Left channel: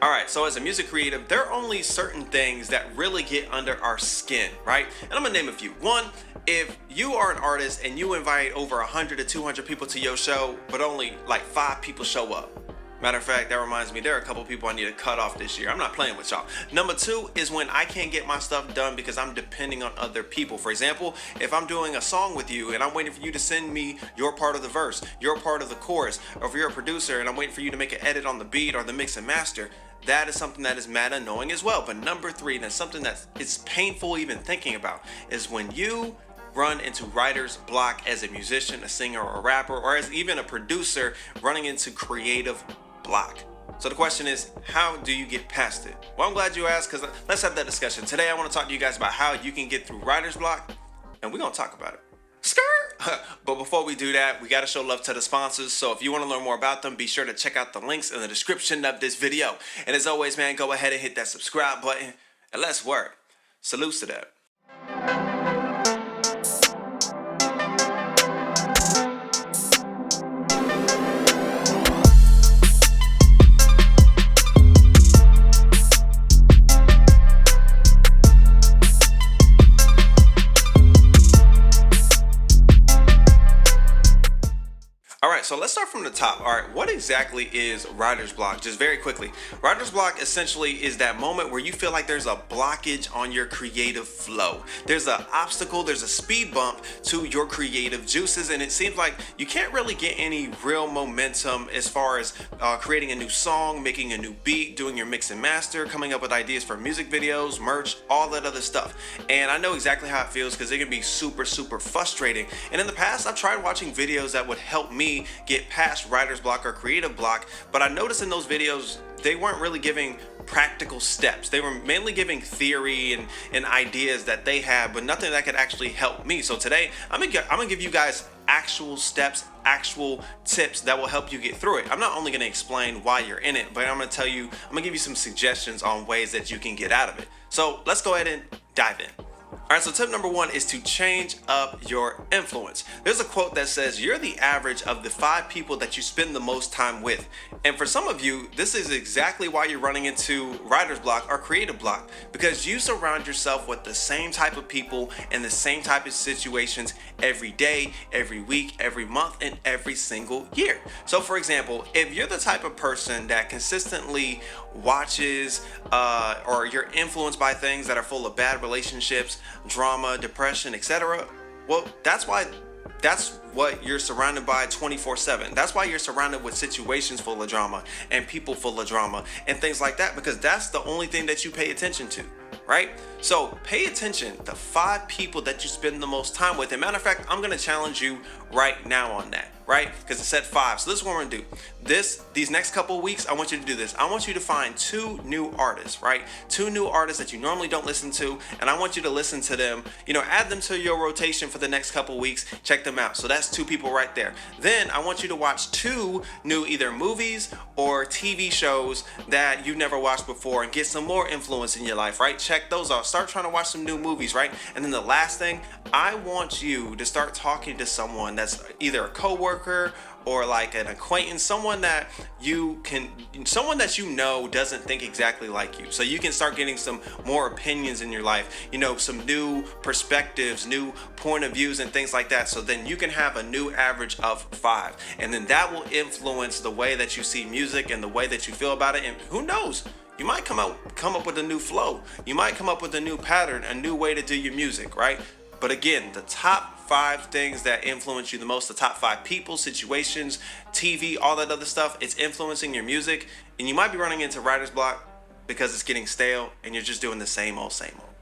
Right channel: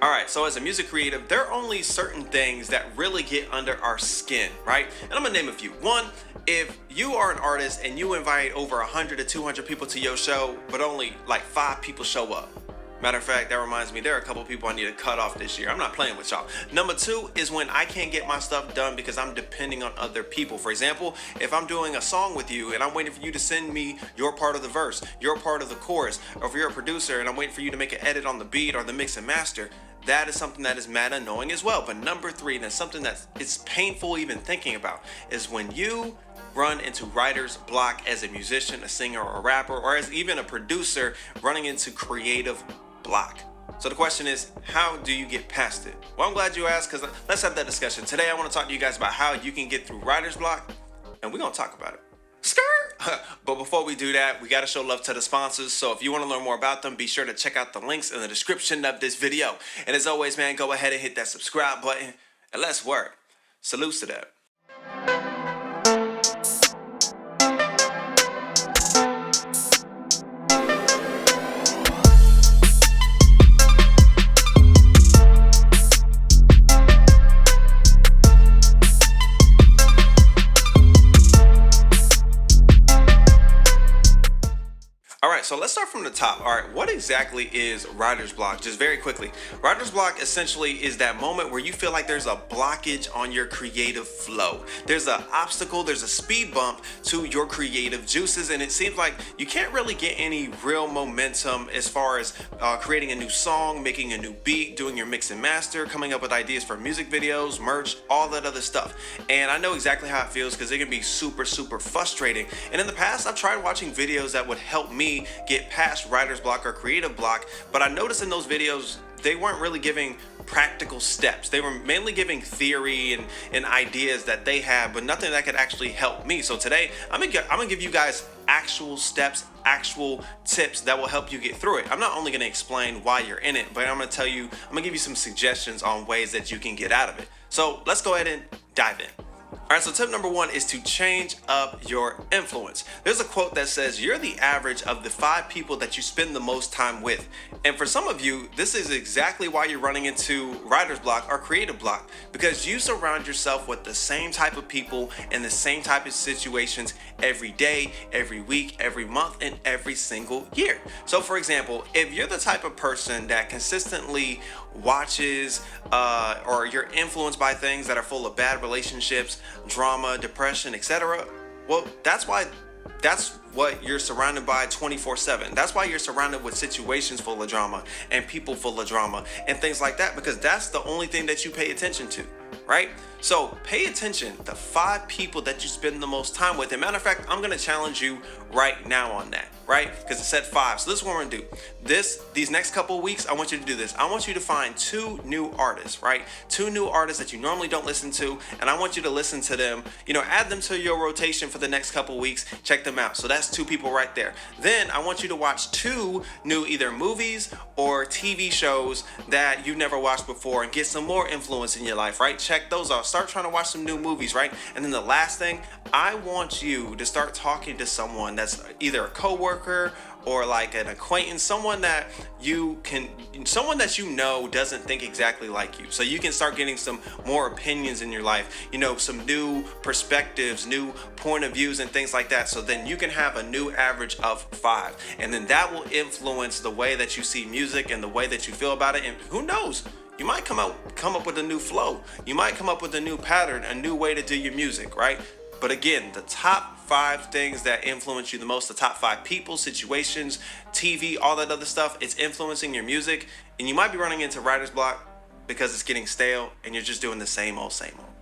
All right, so as a music creative, there are only certain things that really get under our skin, right? And I'm gonna name a few. One, if you are an artist and you invite over 100 to 200 people to your show, but only like 5 people show up. Matter of fact, that reminds me, there are a couple people I need to cut off this year. I'm not playing with y'all. Number two is when I can't get my stuff done because I'm depending on other people. For example, if I'm doing a song with you and I'm waiting for you to send me your part of the verse, your part of the chorus, or if you're a producer and I'm waiting for you to make an edit on the beat or the mix and master, that is something that is mad annoying as well. But number three, and it's something that is painful even thinking about, is when you run into writer's block as a musician, a singer, or a rapper, or as even a producer running into creative block. So the question is, how do you get past it? Well, I'm glad you asked, because let's have that discussion. Today, I want to talk to you guys about how you can get through writer's block, and we're going to talk about it. Skirt! But before we do that, we got to show love to the sponsors. So if you want to learn more about them, be sure to check out the links in the description of this video. And as always, man, go ahead and hit that subscribe button, and let's work. Salutes to that. All right, so let's start from the top. All right, what exactly is writer's block? Just very quickly, writer's block essentially is that moment where you feel like there's a blockage on your creative flow. There's an obstacle, there's a speed bump to your creative juices, and it seems like you can't really get any real momentum as far as creating a new song, making a new beat, doing your mix and master, coming up with ideas for music videos, merch, all that other stuff. And I know exactly how it feels because it can be super, super frustrating. And in the past, I've tried watching videos that would help me get past writer's block or creative block, but I noticed in those videos they weren't really giving practical steps. They were mainly giving theory and ideas that they had, but nothing that could actually help me. So today I'm gonna give you guys actual steps, actual tips that will help you get through it. I'm not only gonna explain why you're in it, but I'm gonna give you some suggestions on ways that you can get out of it. So let's go ahead and dive in. All right, so tip number one is to change up your influence. There's a quote that says, you're the average of the 5 people that you spend the most time with. And for some of you, this is exactly why you're running into writer's block or creative block, because you surround yourself with the same type of people and the same type of situations every day, every week, every month, and every single year. So for example, if you're the type of person that consistently watches or you're influenced by things that are full of bad relationships, drama, depression, etc., well, that's what you're surrounded by 24/7. That's why you're surrounded with situations full of drama and people full of drama and things like that, because that's the only thing that you pay attention to, right? So pay attention to 5 people that you spend the most time with. And matter of fact, I'm going to challenge you right now on that, right? Because it said 5. So this is what we're going to do. These next couple of weeks, I want you to do this. I want you to find 2 new artists, right? 2 new artists that you normally don't listen to. And I want you to listen to them, add them to your rotation for the next couple of weeks. Check them out. So that's 2 people right there. Then I want you to watch 2 new either movies or TV shows that you've never watched before and get some more influence in your life, right? Check those out. Start trying to watch some new movies, right? And then the last thing, I want you to start talking to someone that's either a coworker or like an acquaintance, someone that you know doesn't think exactly like you, so you can start getting some more opinions in your life, some new perspectives, new point of views and things like that, so then you can have a new average of 5, and then that will influence the way that you see music and the way that you feel about it. And who knows, you might come up with a new flow, you might come up with a new pattern, a new way to do your music, right? But again, the top 5 things that influence you the most, the top 5 people, situations, TV, all that other stuff, it's influencing your music. And you might be running into writer's block because it's getting stale and you're just doing the same old, same old.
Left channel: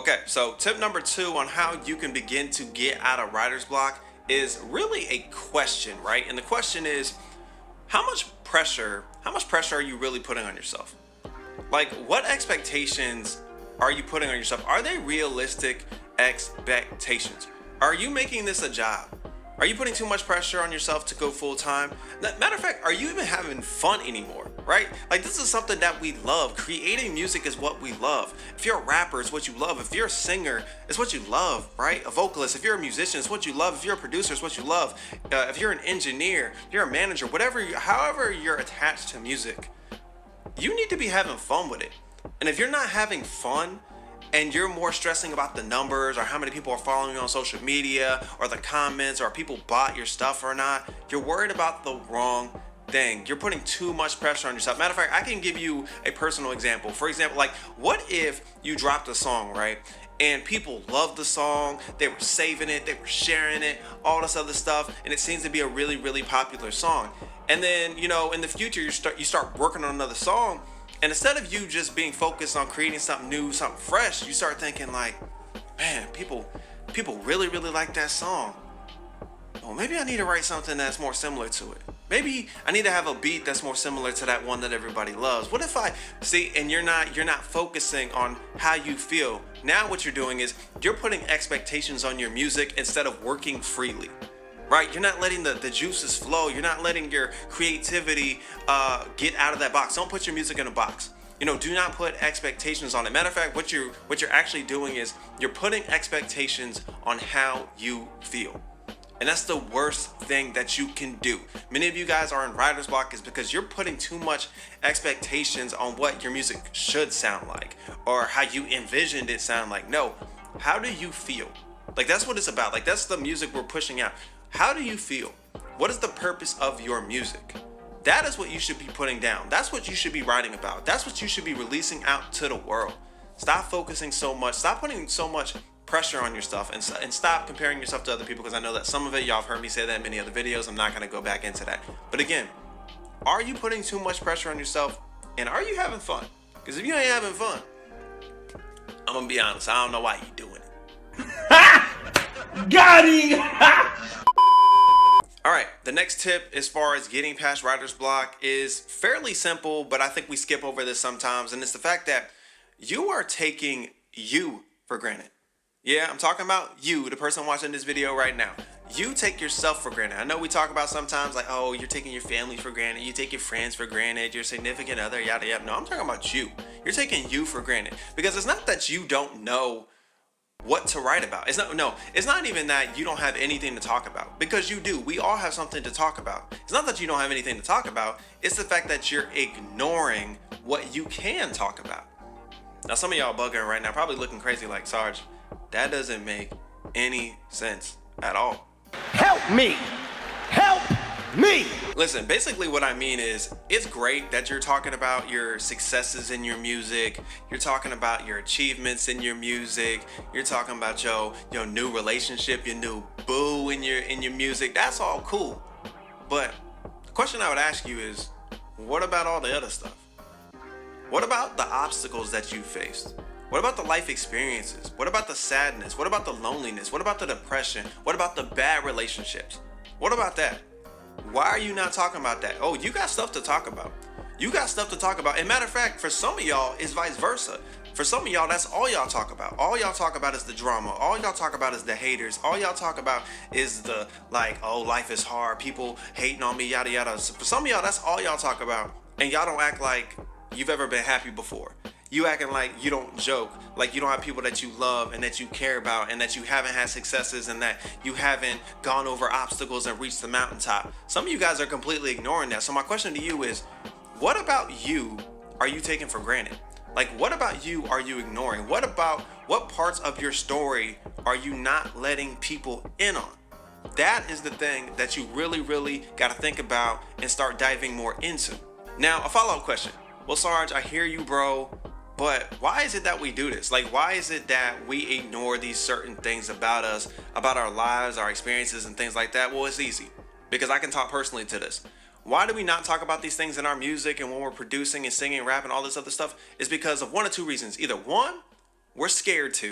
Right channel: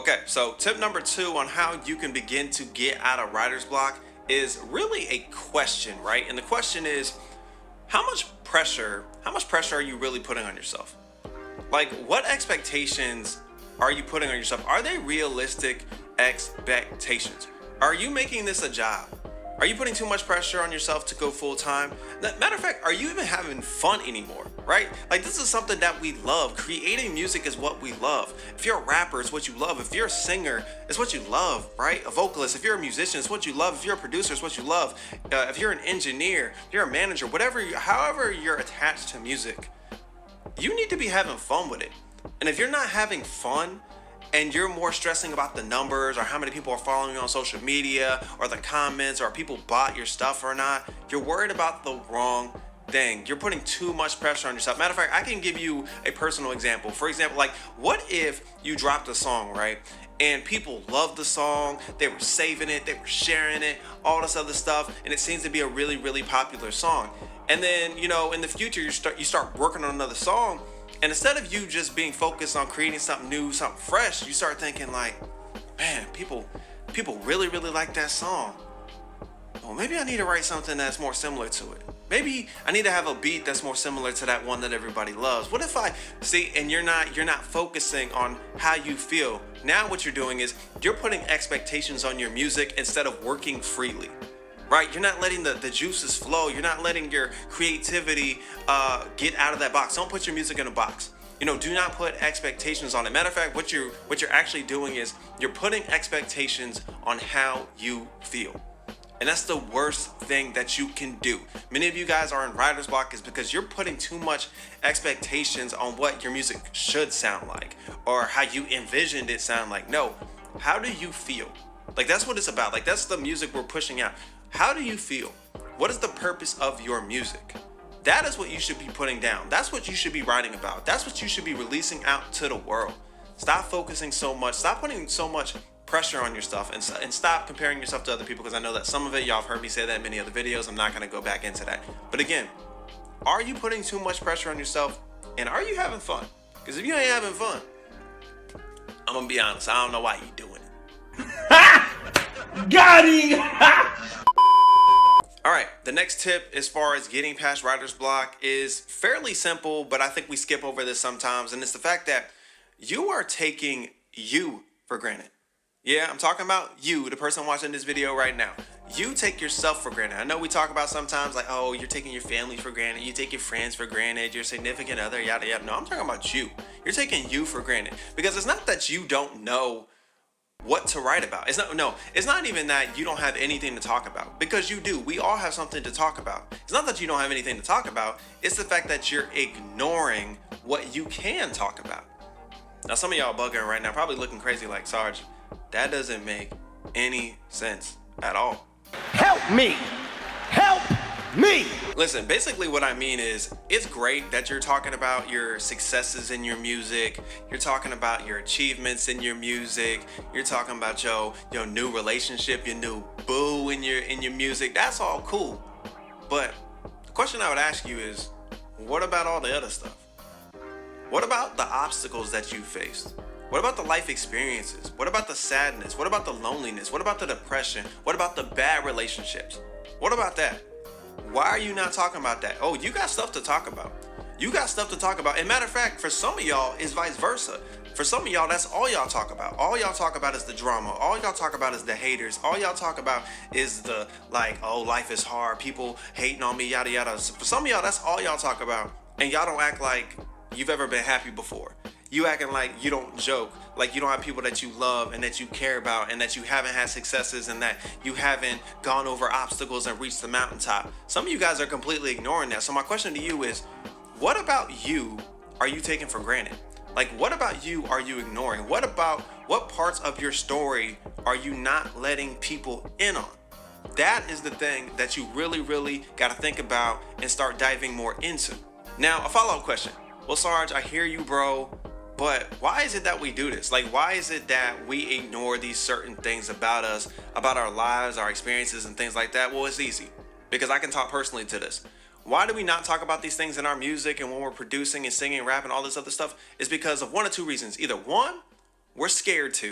Okay, so tip number 2 on how you can begin to get out of writer's block is really a question, right? And the question is, how much pressure are you really putting on yourself? Like, what expectations are you putting on yourself? Are they realistic expectations? Are you making this a job? Are you putting too much pressure on yourself to go full time? Matter of fact, are you even having fun anymore, right? Like, this is something that we love. Creating music is what we love. If you're a rapper, it's what you love. If you're a singer, it's what you love, right? A vocalist, if you're a musician, it's what you love. If you're a producer, it's what you love. If you're an engineer, if you're a manager, however you're attached to music, you need be having fun with it. And if you're not having fun and you're more stressing about the numbers or how many people are following you on social media or the comments or people bought your stuff or not, you're worried about the wrong thing. You're putting too much pressure on yourself. Matter of fact, I can give you a personal example. For example, like, what if you dropped a song, right? And people loved the song, they were saving it, they were sharing it, all this other stuff, and it seems to be a really, really popular song. And then, you know, in the future, you start working on another song, and instead of you just being focused on creating something new, something fresh, you start thinking like, man, people really, really like that song. Well, maybe I need to write something that's more similar to it. Maybe I need to have a beat that's more similar to that one that everybody loves. What if I see, and you're not focusing on how you feel. Now what you're doing is you're putting expectations on your music instead of working freely. Right? You're not letting the juices flow. You're not letting your creativity get out of that box. Don't put your music in a box. You know, do not put expectations on it. Matter of fact, what you're actually doing is you're putting expectations on how you feel. And that's the worst thing that you can do. Many of you guys are in writer's block is because you're putting too much expectations on what your music should sound like or how you envisioned it sound like. No, how do you feel? Like, that's what it's about. Like, that's the music we're pushing out. How do you feel? What is the purpose of your music? That is what you should be putting down. That's what you should be writing about. That's what you should be releasing out to the world. Stop focusing so much. Stop putting so much pressure on your stuff and stop comparing yourself to other people, because I know that some of it, y'all have heard me say that in many other videos. I'm not going to go back into that. But again, are you putting too much pressure on yourself, and are you having fun? Because if you ain't having fun, I'm going to be honest, I don't know why you're doing it. Got him! All right, the next tip as far as getting past writer's block is fairly simple, but I think we skip over this sometimes, and it's the fact that you are taking you for granted. Yeah, I'm talking about you, the person watching this video right now. You take yourself for granted. I know we talk about sometimes like, oh, you're taking your family for granted, you take your friends for granted, your significant other, yada, yada. No, I'm talking about you. You're taking you for granted, because it's not that you don't know what to write about. It's not even that you don't have anything to talk about, because you do. We all have something to talk about. It's not that you don't have anything to talk about. It's the fact that you're ignoring what you can talk about. Now, some of y'all bugging right now, probably looking crazy like, Sarge, that doesn't make any sense at all. Help me! Help me! Listen, basically what I mean is, it's great that you're talking about your successes in your music, you're talking about your achievements in your music, you're talking about your new relationship, your new boo in your music. That's all cool. But the question I would ask you is, what about all the other stuff? What about the obstacles that you faced? What about the life experiences? What about the sadness? What about the loneliness? What about the depression? What about the bad relationships? What about that? Why are you not talking about that? Oh, you got stuff to talk about. You got stuff to talk about. And matter of fact, for some of y'all, it's vice versa. For some of y'all, that's all y'all talk about. All y'all talk about is the drama. All y'all talk about is the haters. All y'all talk about is the, like, oh, life is hard, people hating on me, yada, yada. For some of y'all, that's all y'all talk about. And y'all don't act like you've ever been happy before. You acting like you don't joke, like you don't have people that you love and that you care about, and that you haven't had successes, and that you haven't gone over obstacles and reached the mountaintop. Some of you guys are completely ignoring that. So my question to you is, what about you are you taking for granted? Like, what about you are you ignoring? What parts of your story are you not letting people in on? That is the thing that you really, really got to think about and start diving more into. Now, a follow-up question. Well, Sarge, I hear you, bro. But why is it that we do this? Like, why is it that we ignore these certain things about us, about our lives, our experiences, and things like that? Well, it's easy, because I can talk personally to this. Why do we not talk about these things in our music and when we're producing and singing, rapping, all this other stuff? It's because of one or two reasons. Either one, we're scared to.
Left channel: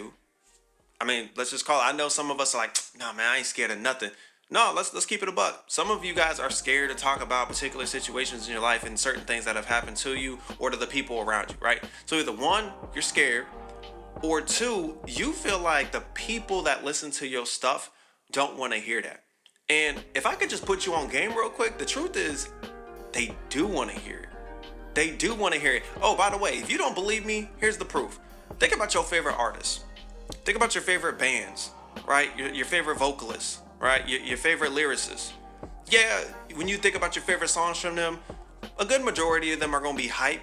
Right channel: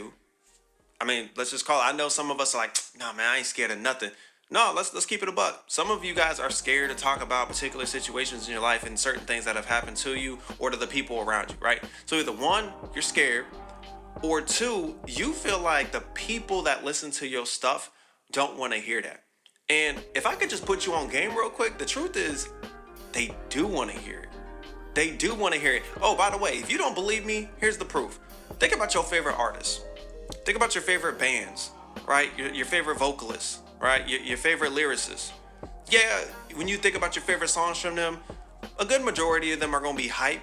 I mean, let's just call it. I know some of us are like, nah, man, I ain't scared of nothing. No, let's keep it a buck. Some of you guys are scared to talk about particular situations in your life and certain things that have happened to you or to the people around you, right? So either one, you're scared, or two, you feel like the people that listen to your stuff don't want to hear that. And if I could just put you on game real quick, the truth is, they do want to hear it. They do want to hear it. Oh, by the way, if you don't believe me, here's the proof. Think about your favorite artists. Think about your favorite bands, right? Your favorite vocalists. Right? Your favorite lyricists. Yeah, when you think about your favorite songs from them, a good majority of them are going to be hype.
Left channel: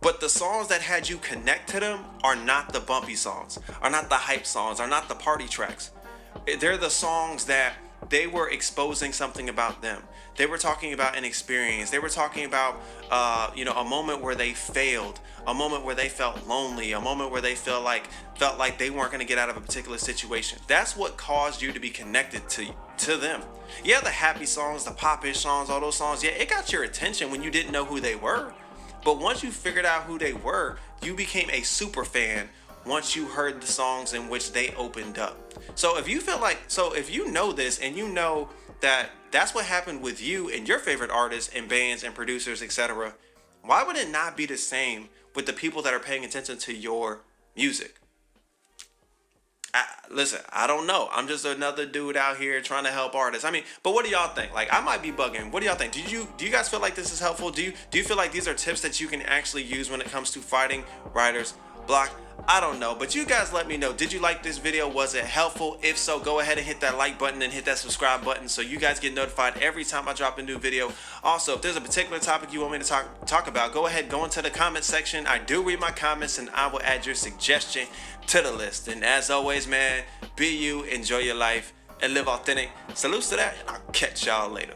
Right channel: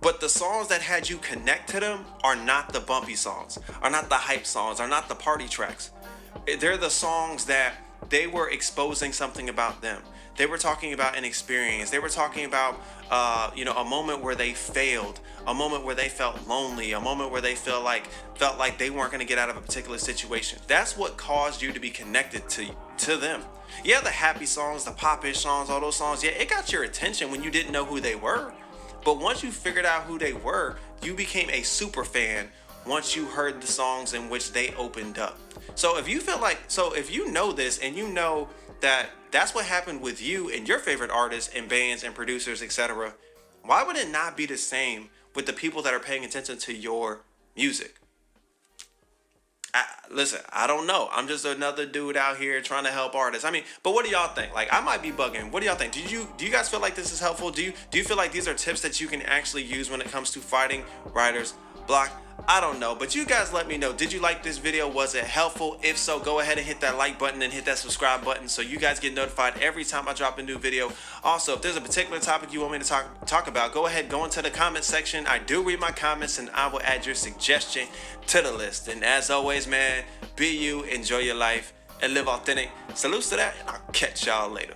But the songs that had you connect to them are not the bumpy songs, are not the hype songs, are not the party tracks. They're the songs that they were exposing something about them. They were talking about an experience. They were talking about, a moment where they failed, a moment where they felt lonely, a moment where they felt like they weren't going to get out of a particular situation. That's what caused you to be connected to them. Yeah, the happy songs, the pop-ish songs, all those songs. Yeah, it got your attention when you didn't know who they were. But once you figured out who they were, you became a super fan once you heard the songs in which they opened up. So if you know this and you know that that's what happened with you and your favorite artists and bands and producers, etc., why would it not be the same with the people that are paying attention to your music? Listen, I don't know. I'm just another dude out here trying to help artists. I mean, but what do y'all think? Like, I might be bugging. What do y'all think? Do you guys feel like this is helpful? Do you feel like these are tips that you can actually use when it comes to fighting writer's block? I don't know, but you guys let me know. Did you like this video? Was it helpful? If so, go ahead and hit that like button and hit that subscribe button so you guys get notified every time I drop a new video. Also, if there's a particular topic you want me to talk about, go ahead, go into the comment section. I do read my comments and I will add your suggestion to the list. And as always, man, be you, enjoy your life, and live authentic. Salutes to that, and I'll catch y'all later.